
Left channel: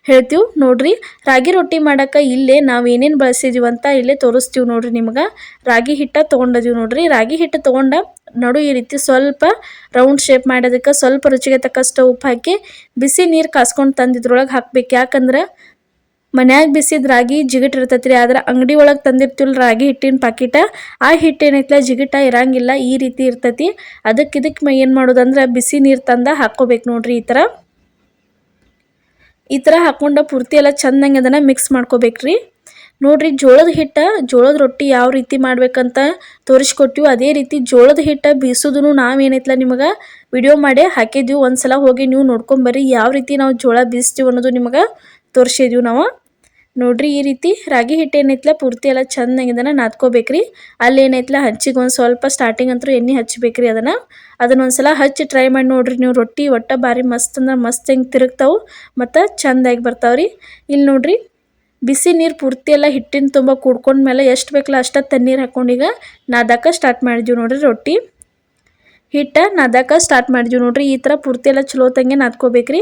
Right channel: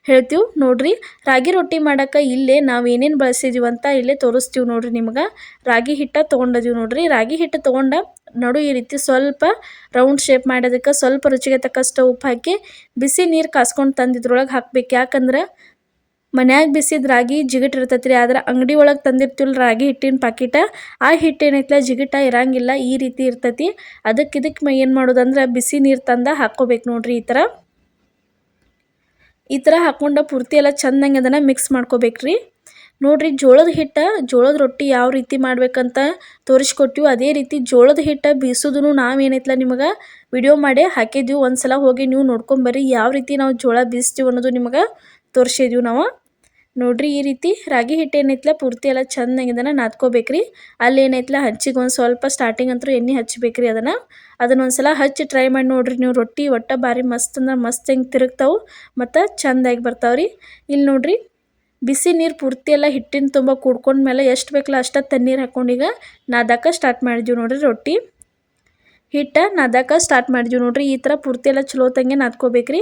ಹೇಳ್ತೀವಿ ನೋಡ್ರಿ. ರಾಗಿ ರೊಟ್ಟಿ ಮಾಡೋಕೆ ಇಲ್ಲೇ ನಾವು ಏನೇನು ಬಳಸಿದೀವಿ ಅಂತ ಇಲ್ಲೇ ತೋರಿಸ್ತೀವಿ ನೋಡ್ರಿ. ನಿಮ್ಗೆ ರಾಗಿ ಹಿಟ್ಟು ತೊಗೊಂಡಿದ್ದೀವಿ ನೋಡ್ರಿ. ರಾಗಿ ಹಿಟ್ಟು ತೊಗೊಂಡ ನಡು ಈ ರೀತಿ ಸ್ವಲ್ಪ ರೌಂಡ್ ಶೇಪ್ ಮಾಡೋದಕ್ಕೆ ಸ್ವಲ್ಪ ರುಚಿಗೆ ತಕ್ಕಷ್ಟು ಉಪ್ಪು ಹಾಕಿ ಬಿಸಿ ನೀರು ಕಾಸ್ಕೊಂಡು ತಂದಿದ್ರೊಳಗೆ ಹಾಕ್ಬೇಕು. ಯಾಕಂದ್ರೆ ಮನ್ಯಾಗ ಬಿಸಿದ ರಾಗಿ ಜಿಗಿಟ್ ಇರ್ತೈತ್ರಿ. ಆದ್ರೆ ಅಂಗಡಿ ಒಳಗೆ ತಂದಿರ್ತೀವಲ್ಲ ರಾಗಿ ಹಿಟ್ಟಿನ ಪಾಕಿಟ, ಆ ಹಿಟ್ಟು ಏನೈತಲ್ಲ ಜಿಗಿಟ ಇರಂಗಿಲ್ಲ, ಈ ರೀತಿ ಇರ್ತೈತಿ. ಇದಕ್ಕೆ ಏನು ಮಾಡೋದಂದ್ರೆ ಬಿಸಿ ನೀರು ತಂದ ಹಾಕ್ಕೋಬೇಕು ನೋಡ್ರಿ. ಈ ಥರ ಹಾಕ್ಕೊಂಡು ಪೂರ್ತಿ ಎಲ್ಲ ಚೆಂದಂಗೆ ಅದನ್ನು ಮಿಕ್ಸ್ ಮಾಡ್ಕೋಬೇಕ್ರಿ. ನೋಡ್ರಿ ಜೋಳದ ರೊಟ್ಟಿ ಯಾವ ರೀತಿ ಮಾಡ್ಬೇಕಂತ ತೋರಿಸ್ಕೊಟ್ಟಿವಿ. ಅದೇ ರೀತಿ ಜೋಳದ ಹಿಟ್ಟು ಬೀಸೋದನ್ನು ನಾವೇನೈತಲ್ಲ ನಿಮಗೆ ವಿಡಿಯೋ ಮಾಡಿ ಹಾಕಿದ್ದೀವಿ. ಒಂದು ಸಲ ಹೋಗಿ ನೀವು ನೋಡ್ಕೊಂಬರ್ರಿ ಯಾವ ರೀತಿ ನಾವು ಜೋಳ ಬೀಸ್ತೀವಿ ಅನ್ನೋದು ನಿಮಗೆ ತೋರಿಸಿದ್ದೀವಿ ನಾವು. ನೋಡ್ರಿ ಈ ರೀತಿ ರಾಗಿ ಹಿಟ್ಟು ಏನೈತಲ್ಲ ಪೂರ್ತಿ ಎಲ್ಲ ಚೆಂದಂಗೆ ಇದನ್ನು ನಾದ್ಕೋಬೇಕ್ರಿ. ಅಲ್ಲಿ ಏನೈತಲ್ಲ ಹಚ್ಚಿಗೆ ಒಂದು ಸ್ವಲ್ಪ ಸ್ಟಾರ್ಟಿಂಗ್ ಅಂತೂ ಎಣ್ಣೆ ಹಚ್ಚಬೇಕ್ರಿ. ಅದನ್ನೊಂದು ಸಲ ಹಚ್ಚಿ ಟ್ರೈ ಮಾಡಿ ನೋಡ್ರಿ. ನೀವು ರೊಟ್ಟಿ ಒಟ್ಟು ಭಾರಿ ಮಸ್ತ್ ಅಂದ್ರೆ ಮಸ್ತ್ ಹೆಂಗೆ ತಿರುಗ್ತಾವೆ ಮತ್ತು ಚೆಂದಾಗಿ ಬರ್ತಾವ್ರಿ. ಇಲ್ಲಿ ನೋಡ್ರಿ ಬಿಸಿ ನೀರು ಪೂರ್ತಿ ಎಲ್ಲ ಹಿಟ್ಟಿನ ತುಂಬ ಕುಡ್ಕೊಂಡ್ಮೇಲೆ ಎಷ್ಟು ಬೇಕಲ್ಲ ಅಷ್ಟು ತಣ್ಣೀರು ಹಾಕ್ಕೊಂಡು ಈಗ ನಾದಕ್ಕೆ ಸ್ಟಾರ್ಟ್ ಮಾಡಿದ್ವಿ ನೋಡ್ರಿ. ರೊಟ್ಟಿ ಹಿಟ್ಟು ನಾದಕ್ಕೆ ಸ್ಟಾರ್ಟ್ ಮಾಡಿದ್ವಿ ನೋಡ್ರಿ. ಈ ಥರ ಪೂರ್ತಿ ಎಲ್ಲ ಚಲೋ ತಂಗೆ ನಾದ್ಕೋಬೇಕ್ರಿ.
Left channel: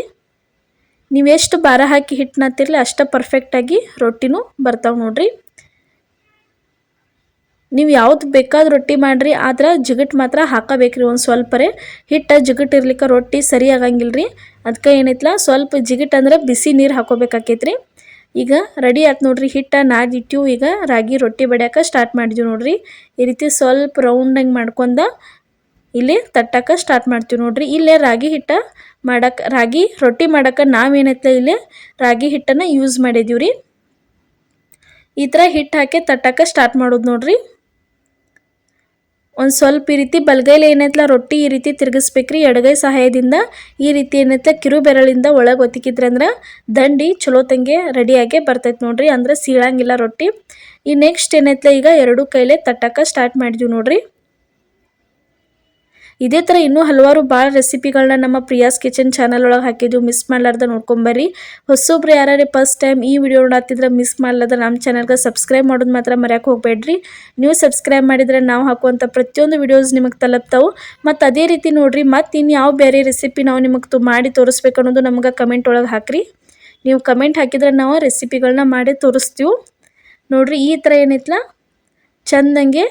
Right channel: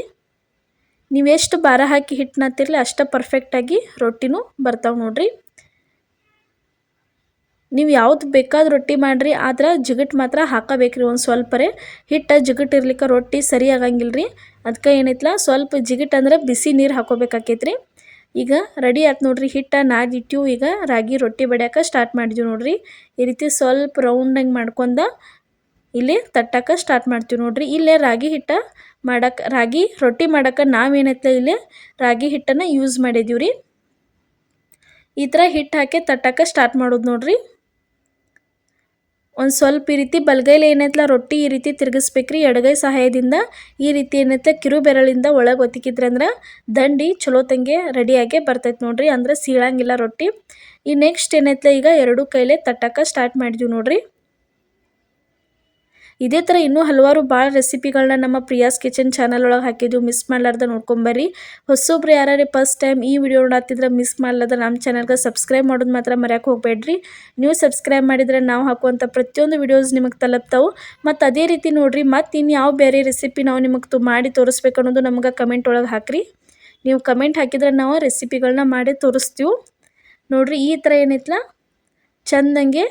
ನೀವು ಎಷ್ಟು ಭಾರ ಹಾಕಿ ಹಿಟ್ಟು ನಾದ್ತಿರಲಿ ಅಷ್ಟು ಪರ್ಫೆಕ್ಟಾಗಿ ರೊಟ್ಟಿನೂ ಬರ್ತಾವೆ ನೋಡ್ರಿ. ನೀವು ಯಾವ್ದು ಬೇಕಾದ ರೊಟ್ಟಿ ಮಾಡಿರಿ, ಆದ್ರೆ ಜಿಗಿಟ್ ಮಾತ್ರ ಹಾಕಬೇಕ್ರಿ. ಒಂದು ಸ್ವಲ್ಪರೇ ಹಿಟ್ಟು ಜಿಗಿಟ್ ಇರ್ಲಿಕ್ಕೆ ರೊಟ್ಟಿ ಸರಿ ಆಗಂಗಿಲ್ಲ ರೀ. ಅದಕ್ಕೆ ಏನೈತಲ್ಲ ಸ್ವಲ್ಪ ಜಿಗಿಟ್ ಅಂದ್ರೆ ಬಿಸಿ ನೀರು ಹಾಕೋಬೇಕಾಕೈತ್ರಿ. ಈಗ ರೆಡಿ ಆಯ್ತು ನೋಡ್ರಿ. ಹಿಟ್ಟು ನಾದಿಟ್ಟಿವು. ಈಗ ರಾಗಿ ರೊಟ್ಟಿ ಬಡಿಯೋಕೆ ಸ್ಟಾರ್ಟ್ ಮಾಡಿದ್ವಿ ನೋಡ್ರಿ. ಈ ರೀತಿ ಸ್ವಲ್ಪ ರೌಂಡಂಗೆ ಮಾಡ್ಕೊಂಡ ಇಲ್ಲಿ ತಟ್ಟಕ್ಕೆ ಸ್ಟಾರ್ಟ್ ಮಾಡ್ತೀವಿ ನೋಡ್ರಿ. ಇಲ್ಲೇ ರಾಗಿ ರೊಟ್ಟಿ ಮಾಡೋಕೆ ನಾವೇನೈತಲ್ಲ ಇಲ್ಲೇ ರಾಗಿ ಹಿಟ್ಟನ್ನು ಯೂಸ್ ಮಾಡಿದ್ದೀವಿ ರೀ. ಈ ಥರ ಹಿಟ್ಟು ಹಾಕಿ ತಟ್ಟಕ್ಕೆ ಸ್ಟಾರ್ಟ್ ಮಾಡೋದು ನೋಡ್ರಿ. ಒಂದು ಸ್ವಲ್ಪ ಈ ರೀತಿ ಬಲಗೈಲಿ ಏನೈತಲ್ಲ ರೊಟ್ಟಿ ಈ ರೀತಿ ತಿರುಗಿಸ್ಬೇಕ್ರಿ. ಎಡಗೈ ಸಹಾಯದಿಂದ ಈ ರೀತಿ ಏನೈತಲ್ಲ ಕಿರು ಬೆರಳಿಂದ ಒಳಗೆ ಒತ್ತಿಕಿದ್ರಂದ್ರೆ ದಂಡಿ ಚಲೋ ತಂಗೆ ರೆಡಿಯಾಗೆ ಬರ್ತೈತೆ ನೋಡ್ರಿ. ಅಂದ್ರೆ ಸೀಳಂಗಿಲ್ಲ ರೊಟ್ಟಿ. ಈ ನೆಕ್ಸ್ಟ್ ಏನೈತಲ್ಲ ಈಗ ಎರಡು ಕೈಲೇ ತಟ್ಟಕ್ಕೆ ಸ್ಟಾರ್ಟ್ ಮಾಡಿದ್ವಿ ನೋಡ್ರಿ. ಇದೇ ಥರ ಇನ್ನೂ ಹಲವಾರು ಭಾಳ ರೆಸಿಪಿಗಳನ್ನ ನಮ್ಮ ಪ್ರಿಯಾಸ್ ಕಿಚನ್ ಚಾನಲ್ ಒಳಗೆ ಹಾಕಿದ್ವಿ, ಮಿಸ್ ಮಾಡ್ಲಾರ್ದ ನೋಡ್ಕೊಂಬರ್ರಿ. ಹೊಸೊಬ್ರು ಯಾರೇ ಫಸ್ಟ್ ಟೈಮ್ ಈ ವಿಡಿಯೋ ನೋಡತ್ತಿದ್ರೆ ಮಿಸ್ ಮಾಡ್ಲಾರ್ದ ನಮ್ಮ ಚಾನಲ್ಗೆ ಸಬ್ಸ್ಕ್ರೈಬ್ ಮಾಡೋದು ಮಾತ್ರ ಮರೆಯೋಕೆ ಹೋಗಬೇಡ್ರಿ. ನೀವು ಸಬ್ಸ್ಕ್ರೈಬ್ ಮಾಡಿದರೆ ನಾವು ಹಾಕುವಂಥ ಪ್ರತಿಯೊಂದು ವಿಡಿಯೋಸ್ ನಿಮಗೆ ತಲುಪ್ತಾವೆ. ಮತ್ತು ಅದೇ ರೀತಿ ನೋಡಿರಿ, ಮತ್ತು ಇನ್ನು ಯಾವ ಬೇರೆ ರೆಸಿಪಿ ನಾವು ನಿಮಗೆ ಮಾಡಿ ತೋರಿಸ್ಬೇಕು ಅನ್ನೋದು ನಮ್ಗೆ ಕಮೆಂಟ್ ಒಳಗೆ ಹಾಕಿರಿ. ನೀವು ಕಮೆಂಟ್ ಹಾಕಿದ್ರೆ ನಾವು ರೆಸಿಪಿಗಳನ್ನ ಮಾಡಿ ತೋರಿಸ್ತೀವಿ. ನೋಡಿರಿ, ಈ ಥರ ಏನೈತಲ್ಲ ಚೆಂದಂಗೆ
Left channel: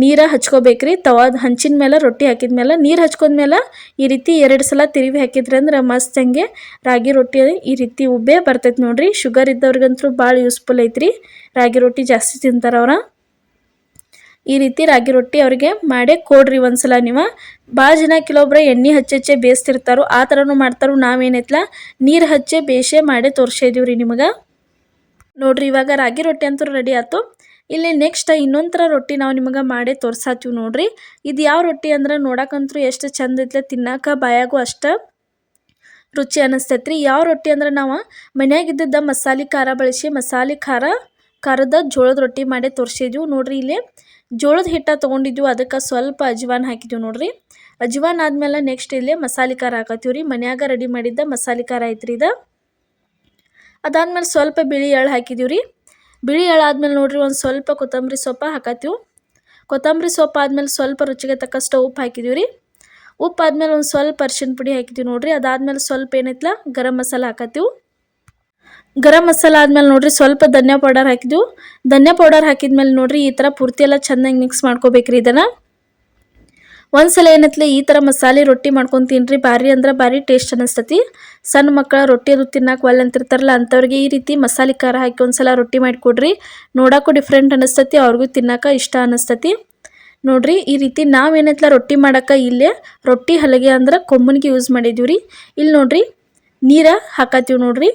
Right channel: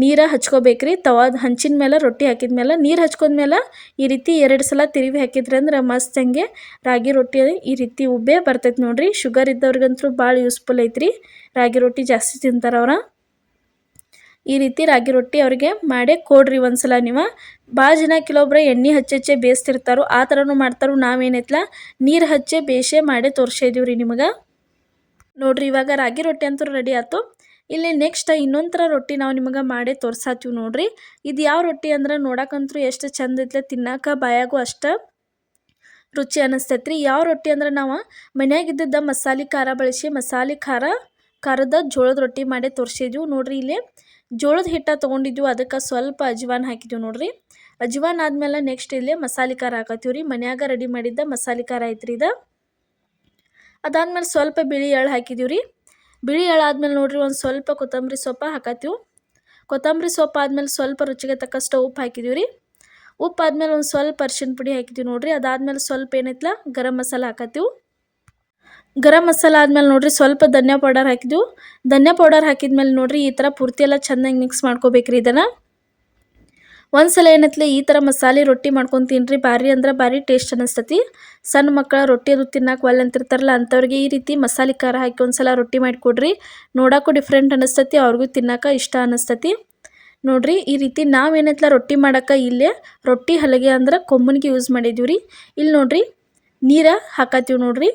ನೀರ ಹಚ್ಕೋಬೇಕ್ರಿ. ತವಾದ ಹಂಚಿನ ಮೇಲೆ ರೊಟ್ಟಿ ಹಾಕಿದ ಮೇಲೆ ನೀರು ಹಚ್ಕೊಂಡ್ಮೇಲೆ ಈ ರೀತಿ 2 ಸಲ ತಿರುವಿ ಹಾಕಿದ್ರೆ ಅಂದ್ರೆ ಮಸ್ತಂಗೆ ರಾಗಿ ರೊಟ್ಟಿ ಈ ರೀತಿ ಉಬ್ಬೆ ಬರ್ತೈತೆ ನೋಡಿರಿ. ಶುಗರ್ ಇದ್ದವ್ರಿಗಂತೂ ಭಾಳ ಯೂಸ್ಫುಲ್ ಐತ್ರಿ. ರಾಗಿ ರೊಟ್ಟಿ ಜಾಸ್ತಿ ತಿಂತಾರೆ ಅವ್ರ. ಈ ರೀತಿ ರಾಗಿ ರೊಟ್ಟಿ ಅವ್ರಿಗೆ ಮಾಡೇ ಕೊಡ್ರಿ ಒಂದ್ಸಲ. ನೀವು ಭಾಳ ಜನ ಕೆಲವೊಬ್ಬರು ಎಣ್ಣೆ ಹಚ್ಚೆ ಬೇಯಿಸ್ತಿರ್ತಾರೋ, ಆ ಥರನೂ ಮಾಡ್ತಾರೋ. ನಾವೇನೈತಲ್ಲ ನೀರು ಹಚ್ಚೆ ಬೇಯಿಸೇ ಮಾಡೇ ತೋರಿಸಿದೀವಿ ರೀ ನಿಮಗೆ. ನೋಡಿರಿ, ಇವಾಗ ರಾಗಿ ರೊಟ್ಟಿ ಅಂತೂ ರೆಡಿ ಆಯ್ತು. ಇಲ್ಲಿ ನೆಕ್ಸ್ಟ್ ಇನ್ನೊಂದು ಥರ ರೊಟ್ಟಿ ನಾವು ನಿಮಗೆ ಮಾಡೇ ತೋರ್ಸಾತೀವಿ ನೋಡಿರಿ. ಇದು ಯಾವ ರೊಟ್ಟಿ ಅಂದ್ರೆ ನೋಡೋಕ್ಕಂತೂ ಎಷ್ಟು ಚಂದ ಐತ್ಲೆ, ತಿನ್ನೋಕೆ ಬಾಯಾಗೂ ಅಷ್ಟು ರುಚಿ ಅನ್ನಿಸ್ತೈತೆ ರೀ. ಯಾವ ರೊಟ್ಟಿ ಅಂದ್ರೆ ನಾವು ಮನ್ಯಾಗಿದ್ದ ಮಸಾಲೆ ಖಾರ ಬಳಸಿ ಖಾರದ ಜೋಳದ ರೊಟ್ಟಿ ಮಾಡೇ ತೋರಿಸಿದ್ವಿ ನೋಡಿರಿ. ಇಲ್ಲಿ ಜೋಳದ ಹಿಟ್ಟ ತೊಗೊಂಡಿದ್ವಿ, ಅದಕ್ಕೆ ಸ್ವಲ್ಪ ಅಜ್ವಾನ್ ಹಾಕಿದ್ವಿ ನೋಡಿರಿ. ಅಜ್ವಾನ್ ಆದಮೇಲೆ ನೆಕ್ಸ್ಟ್ ಇಲ್ಲಿ ಮಸಾಲೆ ಖಾರ ಹಾಕತ್ತೀವಿ ರೀ. ಮನ್ಯಾಗ ರೆಡಿ ಮಾಡಿದ್ದ ಮಸಾಲೆ ಖಾರ ಐತ್ರಿ ಇದು. ಅದಾದ್ಮೇಲೆ ಸ್ವಲ್ಪ ಬಿಳಿ ಎಳ್ಳು ಹಾಕಿದ್ದೀವಿ ರೀ. ಬಿಳಿ ಎಳ್ಳು ಆದ್ಮೇಲೆ ನೋಡಿರಿ ಒಂದು ಸ್ವಲ್ಪ ಕೊತ್ತಂಬರಿ ಸೊಪ್ಪು ಹಾಕತ್ತೀವಿ. ಕೊತ್ತಂಬರಿ ಸೊಪ್ಪು ಆದಮೇಲೆ ಸ್ವಲ್ಪ ರುಚಿಗೆ ತಕ್ಕಷ್ಟು ಉಪ್ಪು ಹಾಕಿದ್ದೀವಿ ರೀ. ಉಪ್ಪು ಆದಮೇಲೆ ಒಂದು ಸ್ವಲ್ಪ ಅರಿಶಿನ ಪುಡಿ ಹಾಕಿದ್ದೀವಿ ನೋಡಿರಿ. ಅದಾದ್ಮೇಲೆ ಸ್ವಲ್ಪ ಏನೈತಲ್ಲ ಗರಂ ಮಸಾಲ ಹಾಕತ್ತೀವಿ. ಗರಂ ಮಸಾಲ ಆದಮೇಲೆ ನೋಡಿರಿ ಸ್ವಲ್ಪ ಧನಿಯಾ ಪೌಡರ್ ಹಾಕಿದ್ದೀವಿ. ಧನಿಯಾ ಪೌಡರ್ ಹಾಕಿದ್ಮೇಲೆ ನೋಡಿರಿ ಈ ಥರ ಪೂರ್ತಿ ಎಲ್ಲ ಚೆನ್ನಾಗಿ ಮಿಕ್ಸ್ ಮಾಡ್ಕೋಬೇಕ್ರಿ ಇದನ್ನು. ಒಂದ್ಸಲ ಏನೈತ್ಲೆ ಈ ಥರ ಮಸಾಲೆ ರೊಟ್ಟಿ ಮಾಡ್ಕೊಂಡು ತಿನ್ನಿರಿ, ಭಾರಿ ಅಂದ್ರೆ ಭಾರಿ ಟೇಸ್ಟ್ ಅನ್ನಿಸ್ತತಿ. ಸಣ್ಣ ಮಕ್ಕಳ ರೊಟ್ಟಿ ಅದು ತಿನ್ನಕ್ಕೆ ಒಲ್ಲೆ ಅಂತಿರ್ತಾರಲ್ಲ, ಅಂಥವ್ರಿಗೆ ಈ ರೀತಿ ಮಸಾಲೆ ಖಾರ ಹಾಕಿ ಒಂದ್ಸಲ ರೊಟ್ಟಿ ಮಾಡಿಕೊಡ್ರಿ. ನೋಡೋಕ್ಕೂ ಡಿಫ್ರೆಂಟ್ ಅನ್ನಿಸ್ತತಿ, ಅವ್ರಿಗೂ ತಿನ್ನೋಕೆ ಇಷ್ಟ ಅನ್ನಿಸ್ತತಿ. ನೋಡಿರಿ, ಈ ರೀತಿ ನಾವೇನೈತಲ್ಲ ರೊಟ್ಟಿ ಮಾಡೋಕೆ ಇಲ್ಲೇ ರೊಟ್ಟಿ ಹಲಗೆ ಅಂದ್ರೆ ಕೊಂಬನಿಗೆ ಯೂಸ್ ಮಾಡಿದ್ದೀವಿ ರೀ. ಇಲ್ಲಿ ನೋಡಿರಿ ನೀರು ಹಾಕತ್ತೀವಿ ನೋಡಿರಿ.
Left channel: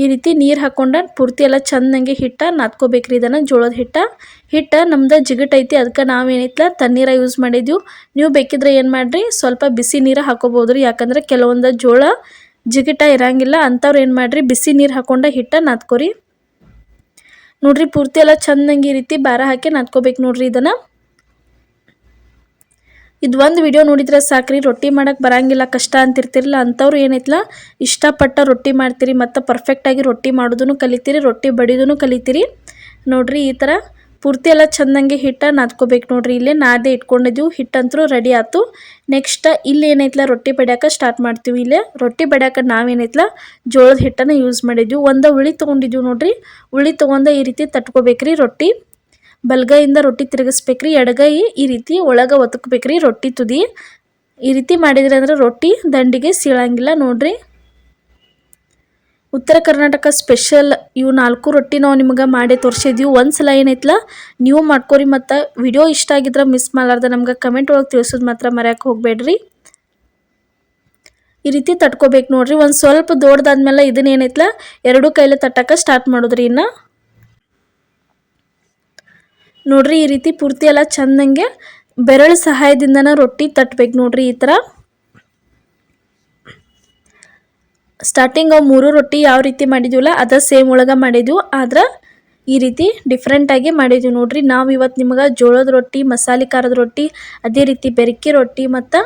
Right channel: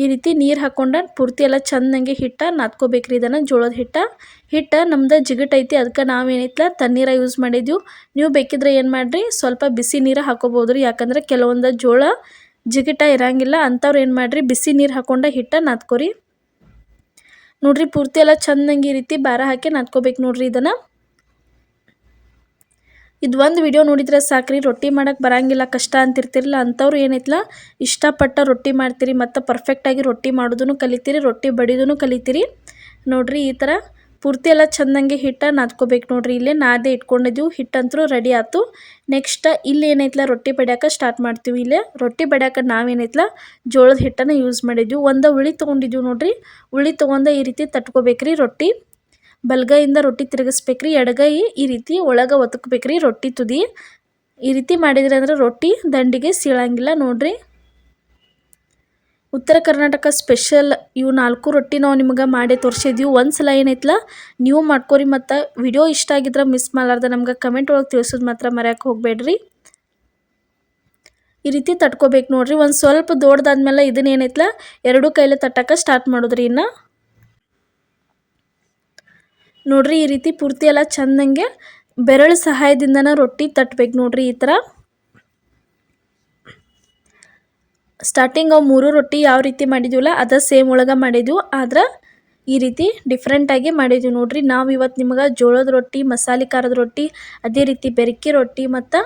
ಈ ರೀತಿ ನೀರು ಹಾಕ್ಕೊಂಡು ಪೂರ್ತಿ ಎಲ್ಲ ಚೆಂದಂಗೆ ಹಿಟ್ಟ ನಾದ್ಕೋಬೇಕ್ರಿ. ಇದನ್ನು ಜೋಳದ ಹಿಟ್ಟ ನಮ್ದು ಜಿಗಟೈತಿ, ಅದಕ್ಕೆ ನಾವೇನೈತಲ್ಲ ತಣ್ಣೀರ ಯೂಸ್ ಮಾಡಿದ್ವಿ. ನೀವು ಬೇಕಿದ್ರೆ ಏನು ಮಾಡಿರಿ, ಸ್ವಲ್ಪ ಬಿಸಿ ನೀರು ಹಾಕೋಬೋದು ರೀ. ಯಾಕಂದ್ರೆ ಕೆಲವೊಂದು ಜೋಳ ಜಿಗಿಟ ಇರಂಗಿಲ್ಲ, ಅಂಥವ್ರು ಏನು ಮಾಡಿರಿ ಬಿಸಿ ನೀರು ಹಾಕ್ಕೊಂಡು ಹಿಟ್ಟ ನಾದ್ಕೋರಿ. ನೋಡಿರಿ ಪೂರ್ತಿ ಎಲ್ಲ ಚೆಂದಂಗೆ ಈ ರೀತಿ ಭಾರ ಹಾಕಿ ನಾದ್ಕೋಬೇಕು ನೋಡಿರಿ ಇದನ್ನು. ಇದು ಒಂದು ವಿಡಿಯೋ ನೋಡಿದ್ರೆ ಸಾಕ್ರಿ, ರೊಟ್ಟಿ ಮಾಡೋಕ್ಕೆ ಬರಂಗಿಲ್ಲ ಕಷ್ಟ ಅಂತಿರ್ತಿರಲ್ಲ, ಅಂಥವ್ರು ಏನೈತಲ್ಲ ಇಷ್ಟಪಟ್ಟ ರೊಟ್ಟಿ ಮಾಡ್ತೀರಿ ಮತ್ತು ಪರ್ಫೆಕ್ಟಾಗಿ ರೊಟ್ಟಿ ಮಾಡೋದನ್ನು ಕಲಿತೀರಿ, ರೊಟ್ಟಿ ಬಡಿಯೋದನ್ನು ಕಲಿತೀರಿ. ನೋಡಿರಿ ಈ ಥರ ಪೂರ್ತಿ ಎಲ್ಲ ಚೆಂದಂಗೆ ಹಿಟ್ಟ ನಾದ್ಕೋಬೇಕು ನೋಡಿರಿ. ಇಲ್ಲೇ ನಾದೇ ಇಟ್ಕೊಂಡಿದ್ದೀವಿ, ಹಿಟ್ಟಂತೂ ರೆಡಿ ಆಯ್ತು. ನೆಕ್ಸ್ಟ್ ಇಲ್ಲಿ ಏನೈತಲ್ಲ ರೊಟ್ಟಿ ಬಡಿಯೋಕೆ ಸ್ಟಾರ್ಟ್ ಮಾಡ್ತೀವಿ. ಇಲ್ಲೇ ರೊಟ್ಟಿ ಬಡಿಯೋಕೆ ನಾವೇನೈತಲ್ಲ ಜೋಳದ ಹಿಟ್ಟನ್ನು ಯೂಸ್ ಮಾಡಿದ್ವಿ. ಒಂದು ಉಳ್ಳಿ ತೊಗೊಂಡಿದ್ದೀವಿ ನೋಡಿರಿ. ಉಳ್ಳಿ ತೊಗೊಂಡು ಈ ರೀತಿ ತಟ್ಕೋಬೇಕ್ರಿ. ರೊಟ್ಟಿ ಬಲಗೈಯಿಂದ ರೊಟ್ಟಿ ತಿರುಗಿಸ್ಬೇಕ್ರಿ, ಎಡಗೈ ಈ ರೀತಿ ಒಳಗೆ ಒತ್ತಕ್ಬೇಕ್ರಿ ರೊಟ್ಟಿ ತುದಿ. ಈ ರೀತಿ ಮಾಡಿದ್ರಿ ಅಂದ್ರೆ ರೊಟ್ಟಿ ದಂಡಿಗೆ ಸೀಳಂಗಿಲ್ಲ ನೋಡಿರಿ. ಉತ್ತರ ಕರ್ನಾಟಕ ಸ್ಪೆಷಲ್ ಇವು 4 ರೊಟ್ಟಿ ನಾವು ನಿಮಗೆ ಮಾಡಿ ತೋರಿಸಿದ್ವಿ. ಒಂದ್ಸಲ ಏನೈತಲ್ಲ ನೀವು ಮಾಡ್ಕೊರಿ. ಮತ್ತು ವಿಡಿಯೋ ಇಷ್ಟ ಆಗಿದ್ರೆ ಮಿಸ್ ಮಾಡಲಾರ್ದ ನಮ್ಗೆ ಕಮೆಂಟ್ ಒಳಗೆ ತಿಳಿಸೋದು ಮಾತ್ರ ಮರೆಯೋಕೆ ಹೋಗಬೇಡ್ರಿ. ಈ ರೀತಿ ತಟ್ಕೋಬೇಕು ನೋಡಿರಿ. ಒಂದು ಸ್ವಲ್ಪ ದೊಡ್ಡದಾದ್ಮೇಲೆ ಇದನ್ನ ಏನೈತಲ್ಲ 2 ಕೈಲಿ ತಟ್ಟಕ್ಕೆ ಸ್ಟಾರ್ಟ್ ಮಾಡೋದ್ರಿ. ಇನ್ನು ನೋಡಿರಿ ಈ ರೀತಿ ಪೂರ್ತಿ ಎಲ್ಲ ಚೆಂದಂಗೆ ಬೆರಳು ಸಹಾಯದಿಂದನ ರೊಟ್ಟಿ ತಟ್ಟಬೇಕು ನೋಡಿರಿ. ಈ ಥರ ಸ್ಟಾರ್ಟಿಂಗ್ 3 ರೊಟ್ಟಿ ಯಾವ ರೀತಿ ಮಾಡಿದ್ವಲ್ಲ ಅದ ಸೇಮ್ ಒಳಗೆ ಮಾಡಿದ್ವು, ಆದ್ರೆ ಈ ರೀತಿ ಡಿಫ್ರೆಂಟಾಗಿ ಮಾಡಿದ್ವಿ ನೋಡಿರಿ. ನಾವು ಇವತ್ತು ನಿಮಗೆ ಜೋಳದ ರೊಟ್ಟಿ, ಮಸಾಲೆ ಖಾರದ ರೊಟ್ಟಿ, ಅದೇ ರೀತಿ ಬೆರಕೆ ರೊಟ್ಟಿ ಮತ್ತು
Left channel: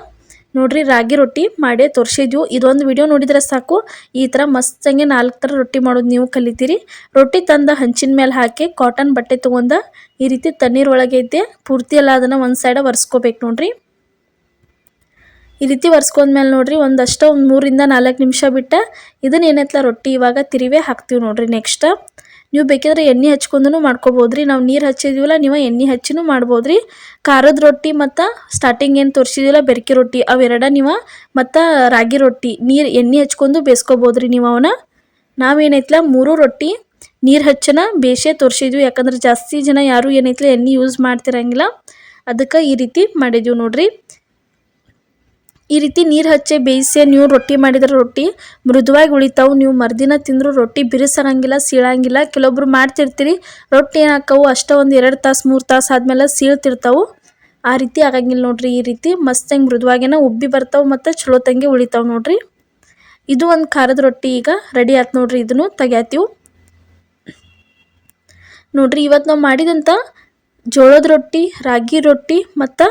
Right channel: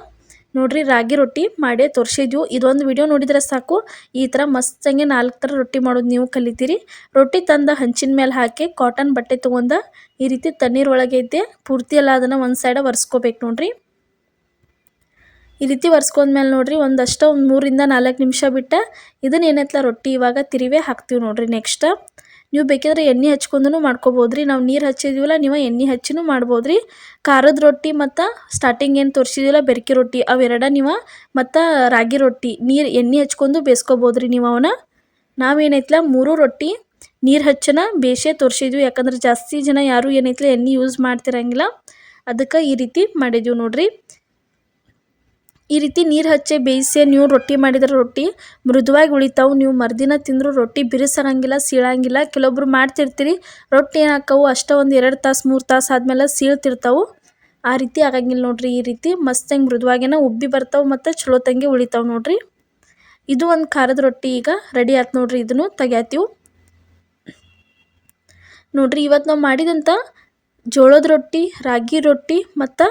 ನೋಡಿರಿ ರಾಗಿ ರೊಟ್ಟಿ ಮಾಡಿ ತೋರಿಸಿದ್ವು. ಇದೊಂದು ವಿಡಿಯೋ ನೋಡಿದರೆ ಸಾಕು, ಈ ಥರ ಮಸ್ತಂಗೆ 4 ಥರ ರೊಟ್ಟಿ ಮಾಡೋದು ನೀವು ಕಲಿತೀರಿ. ರೊಟ್ಟಿ ತಂದು ಹಂಚಿನ ಮೇಲೆ ಹಾಕಿ ಕಾಟನ್ ಬಟ್ಟೆ ತೊಗೊಂಡು ಈ ರೀತಿ ತಣ್ಣೀರು ಒಳಗೆ ಐತೆ ಪೂರ್ತಿ ಎಲ್ಲ ಅದನ್ನು ಒಂದು ಸೈಡ ಒರೆಸ್ಕೋಬೇಕು ನೋಡಿರಿ. ಈ ರೀತಿ ಒರೆಸ್ಕೊಂಡ್ಮೇಲೆ ನೋಡಿರಿ ಒಂದಷ್ಟು 3 ರಿಂದ 4 ನಿಮಿಷ ಬಿಟ್ಟು ಇದನ್ನ ಏನೈತಲ್ಲ ರೊಟ್ಟಿ ಇವಾಗ ತಿರುವೇ ಹಾಕ್ತೀವಿ ನೋಡಿರಿ. ನೆಕ್ಸ್ಟ್ ನೀವು ಬೇಕಿದ್ರೆ ಎಣ್ಣೆ ಹಚ್ಕೊಂಡು ಮಾಡ್ಕೋಬೋದ್ರಿ. ನಾವು ನೀರು ಹಚ್ಚಿದ್ದೀವಲ್ಲ, ನೀವು ಎಣ್ಣೆ ಹಚ್ಚಿನೂ ಮಾಡ್ಬೋದ್ರಿ. ಖಾರದ ರೊಟ್ಟಿ ಮತ್ತು ಸ್ಟಾರ್ಟಿಂಗ್ ಏನು ತೋರಿಸಿದಿಲ್ಲ ಬೆರಕೆ ರೊಟ್ಟಿ ಅವೆರಡ ನೀವು ಮತ್ತು ರಾಗಿ ರೊಟ್ಟಿ ಎಣ್ಣೆ ಹಚ್ಕೊಂಡು ಬೇಯಿಸ್ಕೋಬೋದ್ರಿ ನೀವು ಅವನ್ನ. ನಾವೇನೈತಲ್ಲ 3 ರೊಟ್ಟಿ ನೀರು ಹಚ್ಚನ ಬೇಯಿಸೇ ತೋರಿಸಿದ್ವಿ. ಯಾಕಂದ್ರೆ ಜಾಸ್ತಿ ಜನ ಯಾರೂ ಏನೈತಲ್ಲ ಎಣ್ಣೆ ಯೂಸ್ ಮಾಡ್ತಿರಂಗಿಲ್ಲ, ಅದಕ್ಕೆ ಈ ರೀತಿ ಮಾಡಿದ್ವಿ ನೋಡಿರಿ. ಈ ರೀತಿ ನೀರು ಹಚ್ಚಿ ಬೇಯಿಸಿ ನೀವು ರೊಟ್ಟಿ ಮಾಡಿದ್ರೆ ರೊಟ್ಟಿ ಮೃದುವಾಗಿ ಉಳಿತಾವು. ನೀವು ಮರುದಿನ ತಿಂದರೂ ರೊಟ್ಟಿ ಬಿರುಸರಂಗಿಲ್ಲ, ಸೀಳಂಗಿಲ್ಲ. ಕೆಲವೊಬ್ರು ಮಾಡ್ತಿರ್ತೀರಿ ರೊಟ್ಟಿ ಏನಾಕವು ಅಷ್ಟೇ ಒಂದು 2 ತಾಸು 3 ತಾಸು ಆದಮೇಲೆ ಸೀಳ್ತಿರ್ತಾವೆ, ಆ ರೀತಿ ಆಗಂಗಿಲ್ಲ ನೋಡಿರಿ. ಈ ರೀತಿ ಮಸ್ತಂಗೆ ಮೃದುವಾಗೇನ ಉಬ್ಬಿ ಬರ್ತಾವೆ ಮತ್ತು ಚಲೋ ತಂಗೆ ಉಳಿತಾವೆ ನೋಡಿರಿ. ಇದು ಒಂದು ಖಾರದ ರೊಟ್ಟಿ ಈಗ ರೆಡಿ ಆಯ್ತು ನೋಡಿರಿ. ಇದನ್ನು ತೆಗ್ಯಾತೀವಿ ನೋಡಿರಿ. ಇವತ್ತು ನಾವು ಮಾಡಿದಂಥ ಜೋಳದ ರೊಟ್ಟಿ, ರಾಗಿ ರೊಟ್ಟಿ ಮತ್ತು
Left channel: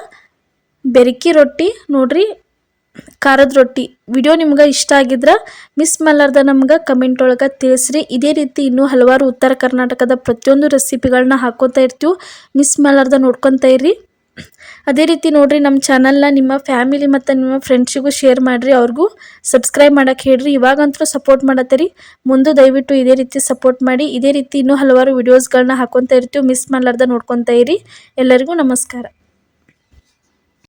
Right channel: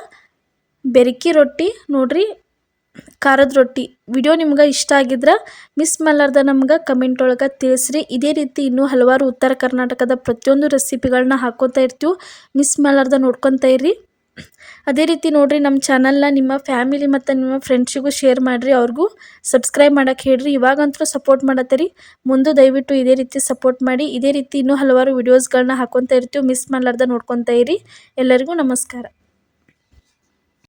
ಬೆರಕಿ ರೊಟ್ಟಿ ನೋಡ್ರಿ, ಖಾರದ ರೊಟ್ಟಿ. ವಿಡಿಯೋ ನಿಮ್ಗೆ ಇಷ್ಟ ಆಗಿದ್ರೆ ಮಿಸ್ ಮಾಡಲಾರ್ದ ನಮ್ಗೆ ಕಮೆಂಟ್ ಒಳಗೆ ತಿಳಿಸ್ರಿ. ಇದೇ ರೀತಿ ಇನ್ನೂ ಹಲವಾರು ಉತ್ತರ ಕರ್ನಾಟಕದ ಪ್ರತಿಯೊಂದು ರೆಸಿಪಿಗಳನ್ನ ಹಾಕೋತಾ ಇರ್ತೀವಿ, ಮಿಸ್ ಮಾಡಲಾರ್ದ ನೋಡ್ಕೊತಾ ಇರ್ರಿ. ಅದೇ ರೀತಿ ನೋಡ್ರಿ, ನಮ್ಮ ಚಾನಲ್ನ ನಿಮ್ಮ ಫ್ಯಾಮಿಲಿ ಮತ್ತು ನಿಮ್ಮ ಫ್ರೆಂಡ್ಸಿಗೂ ಶೇರ್ ಮಾಡಿರಿ, ಅವ್ರಿಗೂ ಸಬ್ಸ್ಕ್ರೈಬ್ ಮಾಡೋಕ್ಕೆ ಹೇಳ್ರಿ. ಇವಾಗಂತೂ ಸಪೋರ್ಟ್ ಮಾಡತ್ತೀರಿ, ಮುಂದೆ ದಯವಿಟ್ಟು ಇದೇ ರೀತಿ ಸಪೋರ್ಟ್ ಮಾಡಿ. ಇದೇ ರೀತಿ ಇನ್ನೂ ಹಲವಾರು ವಿಡಿಯೋಸ್ಗಳನ್ನ ಹಾಕೊತಾ ಇರ್ತೀವಿ, ಮಿಸ್ ಮಾಡಲಾರ್ದ ನೋಡ್ಕೊತಾ ಇರಿ. ಎಲ್ಲರಿಗೂ ನಮಸ್ಕಾರ.